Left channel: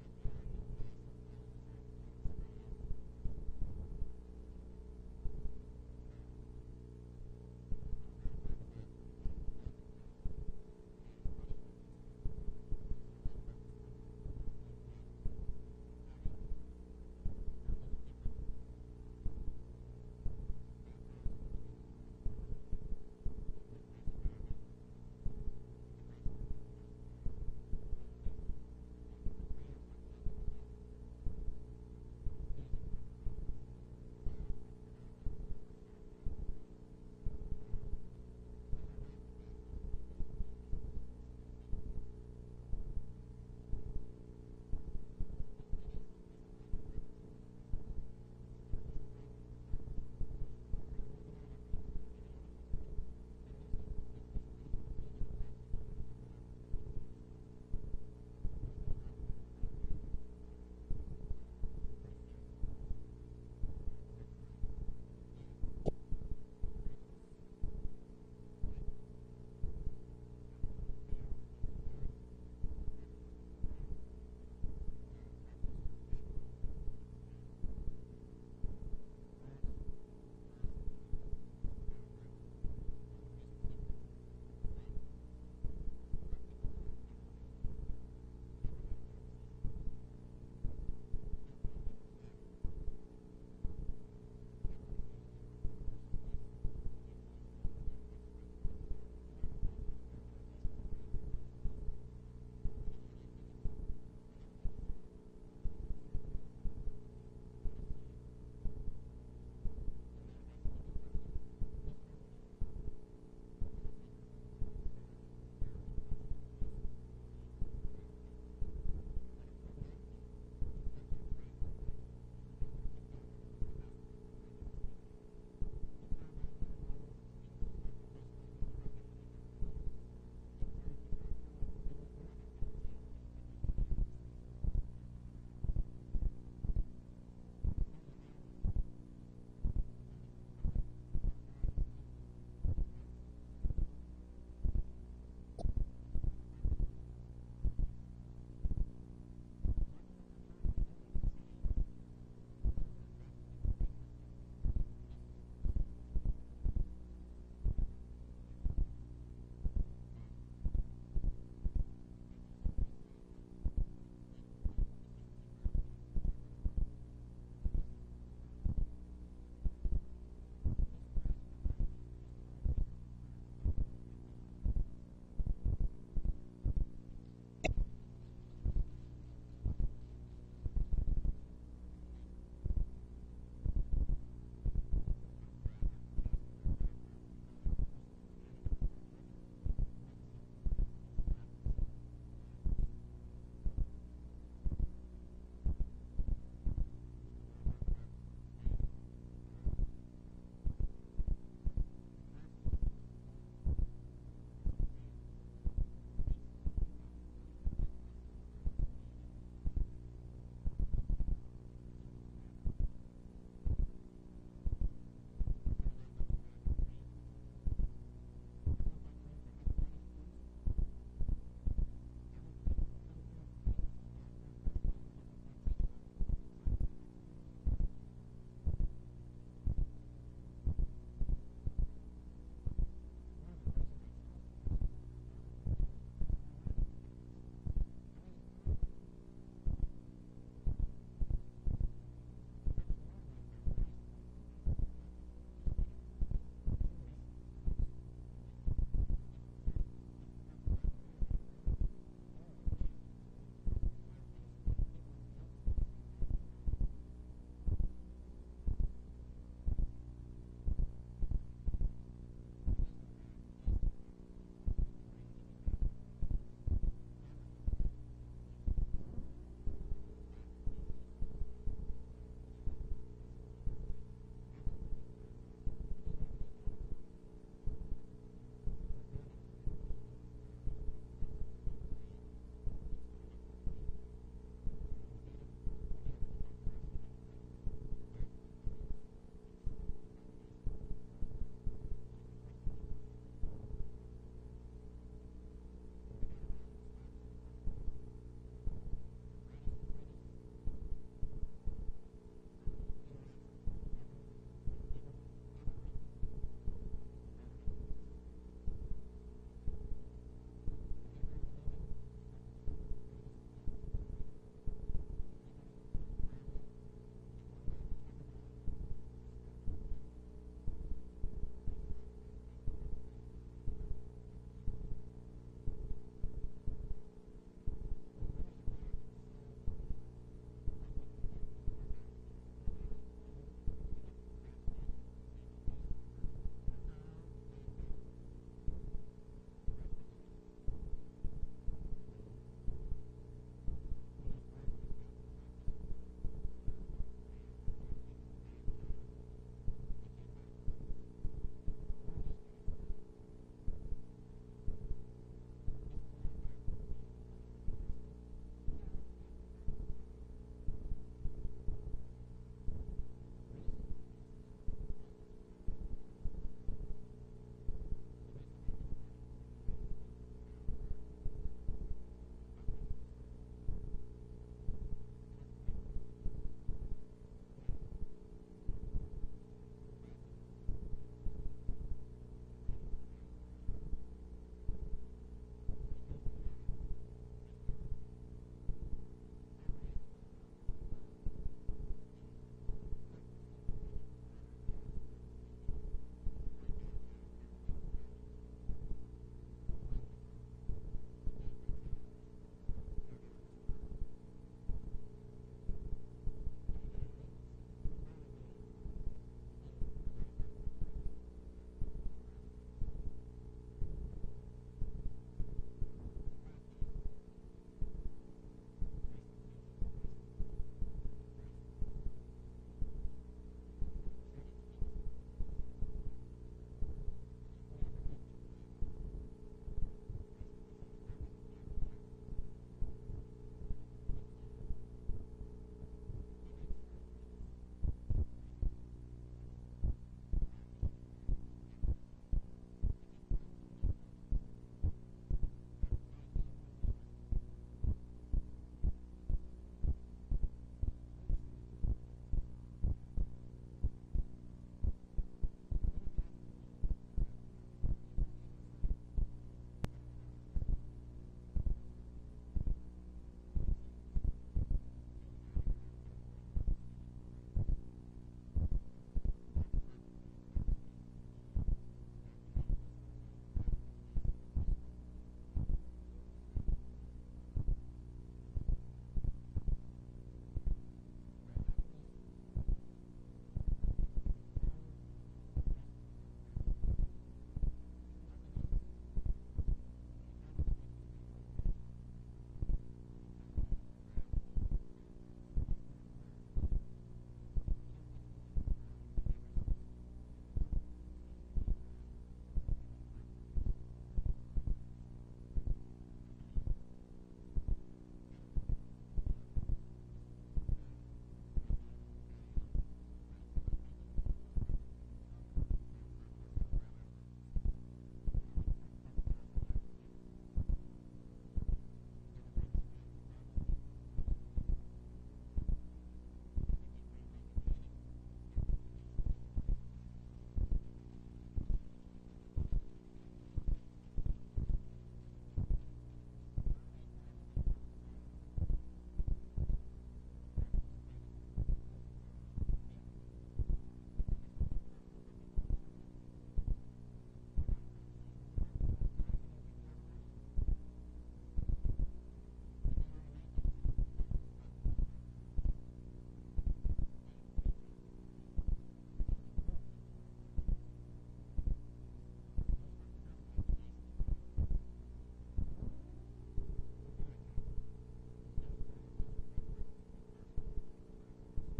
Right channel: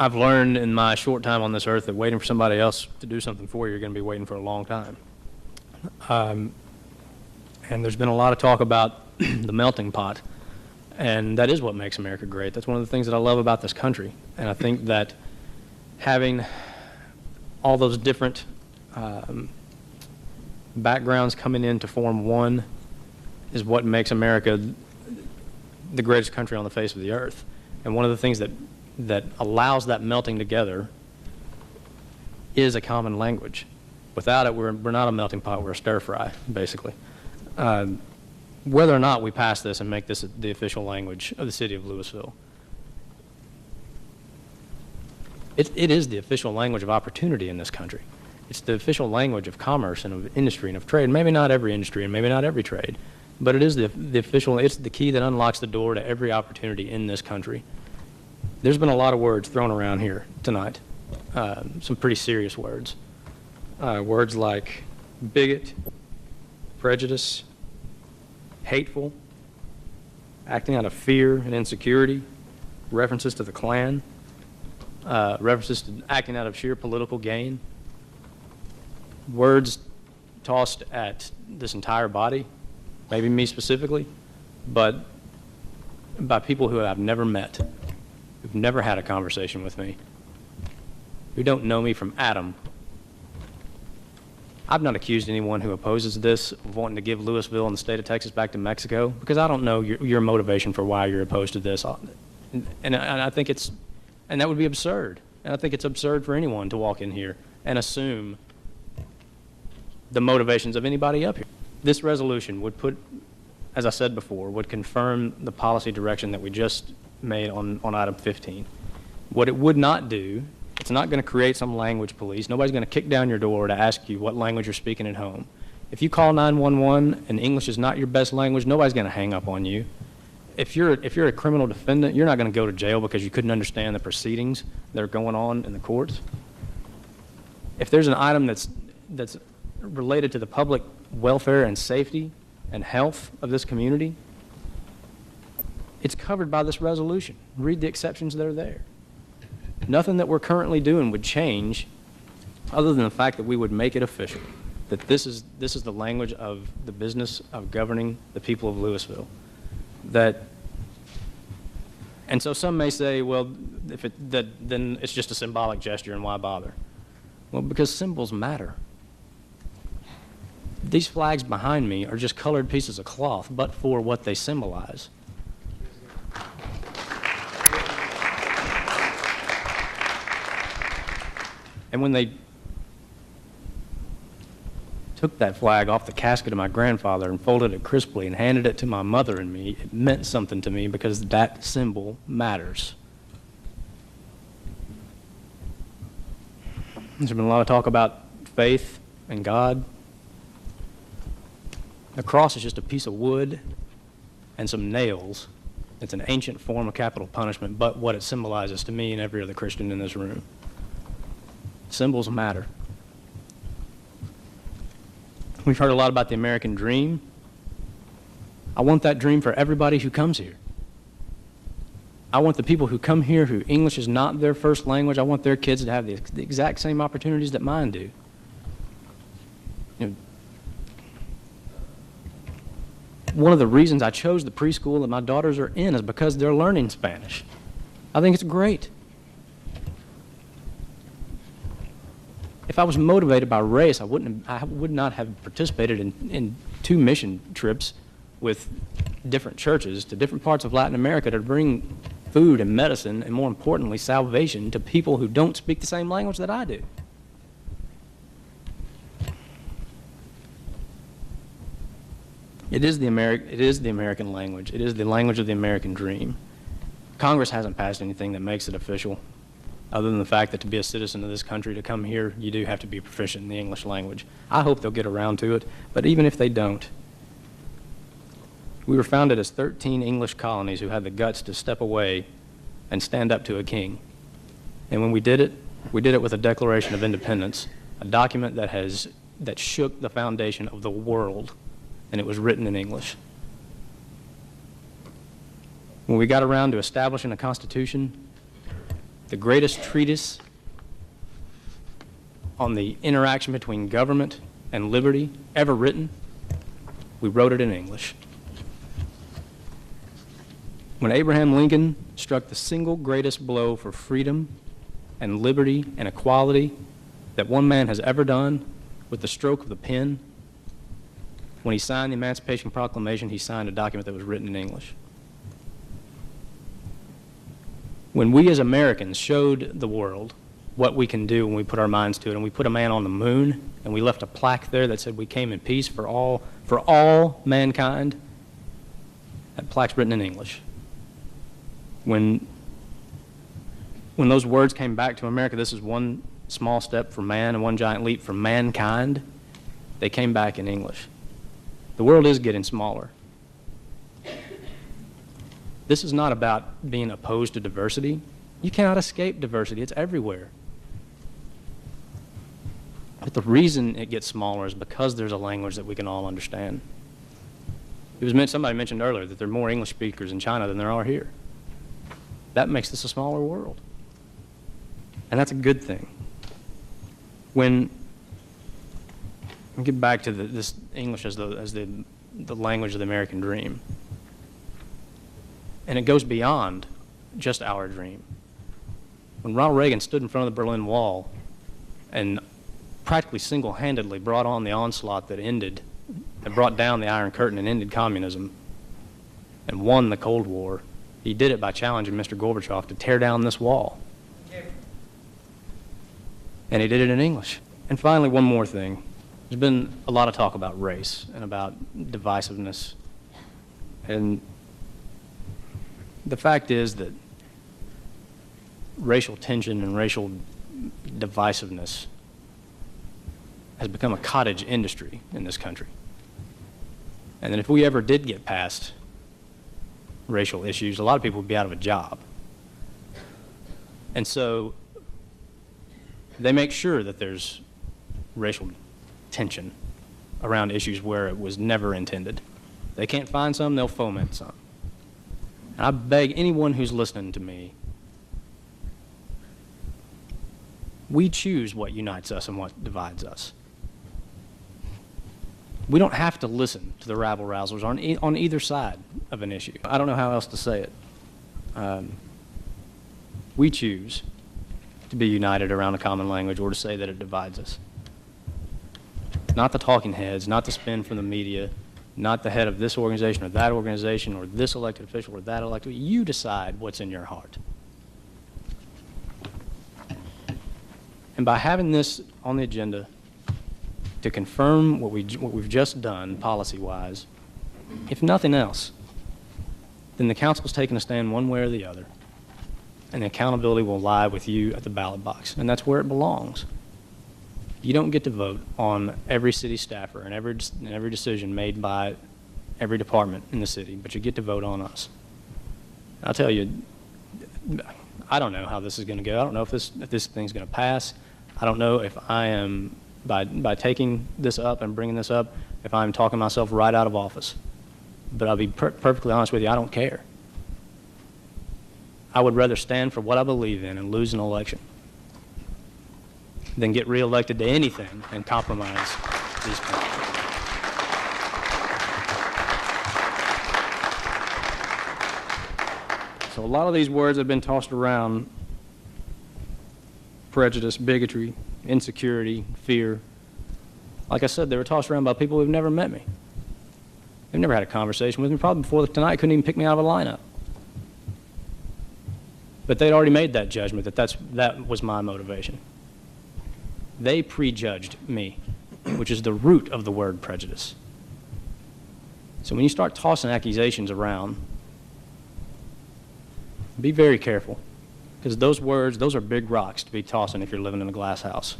I've learned in my short time on this earth that waiting for somebody else to do something for you, you're going to be waiting for a long time. And there's been a lot of talk about the melting pot, and that is what makes America great. That's one of the things that I love about this country, and I think that having all those different backgrounds coming in to form one is what makes America the greatest country on the face of the earth. And one of the things that allows that melting together is a common language. Without it, we're not a melting pot, we're a stir fry, basically. Whether or not we pass this and make this the official language of the city of Louisville, it is the official language of opportunity in this country. It's the official language of commerce and of industry and of trade. Maybe not every industry and maybe not every trade, but it is the official, it's the key that unlocks the door to every opportunity in this country. There's been a lot of words thrown around here tonight, some pretty serious words. Words like bigot, prejudice, hateful, acting out of fear and insecurity, references to the Klan, references to acting out of sheer political gain, words tossed at this entire body, maybe me specifically, but by people who I've never met, who've never had a conversation with me, who don't know me from Adam. I've not accused anyone who opposes this of wanting to give Louisville and the state of Texas back to Mexico, because I don't know your motivation for why you're opposed to this. And I think and that would be absurd. And I think it's absurd for anyone to walk in here and assume the motivations of anybody up here. This resolution would put, as I said before, would confirm the policy direction that we just made on item 15. What it would not do, it's not going to create some language police. Nobody's going to kick down your door to ask you what language you're speaking at home. If you call 911 and English is not your best language, nobody's going to hang up on you. If you're a criminal defendant, you're not going to go to jail because you couldn't understand the proceedings that are going on in the courts. If there's an item that's related to the public welfare and safety and health of this community, it's covered by this resolution. Read the exceptions that are there. Nothing that we're currently doing would change other than the fact that we would make it official, that this is the language of the business of governing the people of Louisville. And so some may say, well, then it's just a symbolic gesture and why bother? Well, because symbols matter. These flags behind me are just colored pieces of cloth, but for what they symbolize. And when they took that flag off the casket of my grandfather and folded it crisply and handed it to my mother and me, it meant something to me because that symbol matters. There's been a lot of talk about faith and God. The cross is just a piece of wood and some nails. It's an ancient form of capital punishment, but what it symbolizes to me and every other Christian in this room. Symbols matter. We've heard a lot about the American dream. I want that dream for everybody who comes here. I want the people who come here who English is not their first language, I want their kids to have the exact same opportunities that mine do. You know, one of the reasons I chose the preschool that my daughters are in is because they're learning Spanish. I think it's great. If I was motivated by race, I would not have participated in 2 mission trips with different churches to different parts of Latin America to bring food and medicine, and more importantly, salvation to people who don't speak the same language that I do. It is the American language. It is the language of the American dream. Congress hasn't passed anything that makes it official, other than the fact that to be a citizen of this country, to come here, you do have to be proficient in the English language. I hope they'll get around to it, but even if they don't, we were founded as 13 English colonies who had the guts to step away and stand up to a king. And when we did it with a Declaration of Independence, a document that shook the foundation of the world, and it was written in English. When we got around to establishing a constitution, The greatest treatise on the interaction between government and liberty ever written, we wrote it in English. When Abraham Lincoln struck the single greatest blow for freedom and liberty and equality that one man has ever done with the stroke of the pen, when he signed the Emancipation Proclamation, he signed a document that was written in English. When we as Americans showed the world what we can do when we put our minds to it, and we put a man on the moon, and we left a plaque there that said we came in peace for all mankind, that plaque's written in English. When those words came back to America, this is one small step for man and one giant leap for mankind, they came back in English. The world is getting smaller. This is not about being opposed to diversity. You cannot escape diversity. It's everywhere. But the reason it gets smaller is because there's a language that we can all understand. Somebody mentioned earlier that there are more English speakers in China than there are here. That makes this a smaller world. And that's a good thing. When we get back to this English as the language of the American dream, and it goes beyond just our dream. When Ronald Reagan stood in front of the Berlin Wall and practically single-handedly brought on the onslaught that brought down the Iron Curtain and ended communism and won the Cold War, he did it by challenging Mr. Gorbachev to tear down this wall. And he did it in English. And finally, one more thing. There's been a lot of talk about race and about divisiveness. And the fact is that racial tension and racial divisiveness has become a cottage industry in this country. And that if we ever did get past racial issues, a lot of people would be out of a job. And so they make sure that there's racial tension around issues where it was never intended. They can't find some, they'll foment some. And I beg anyone who's listening to me, we choose what unites us and what divides us. We don't have to listen to the rabble-rousers on either side of an issue. I don't know how else to say it. We choose to be united around a common language or to say that it divides us. Not the talking heads, not the spin from the media, not the head of this organization or that organization or this elected official or that elected. You decide what's in your heart. And by having this on the agenda to confirm what we've just done policy-wise, if nothing else, then the council's taken a stand one way or the other, and the accountability will lie with you at the ballot box, and that's where it belongs. You don't get to vote on every city staffer and every decision made by every department in the city, but you get to vote on us. I'll tell you, I don't know how this is going to go. I don't know if this thing's going to pass. I don't know if I am, by taking this up and bringing this up, if I'm talking myself right out of office. But I'll be perfectly honest with you, I don't care. I would rather stand for what I believe in and lose an election than get reelected to anything and compromise these people. So a lot of these words have been tossed around: prejudice, bigotry, insecurity, fear. Like I said, they were tossed around by people who've never met me. They've never had a conversation with me. Probably before tonight couldn't even pick me out of a lineup. But they'd already made that judgment that was my motivation. They prejudged me, which is the root of the word prejudice. So when you start tossing accusations around, be very careful, because those words, those are big rocks to be tossing if you're living in a glass house.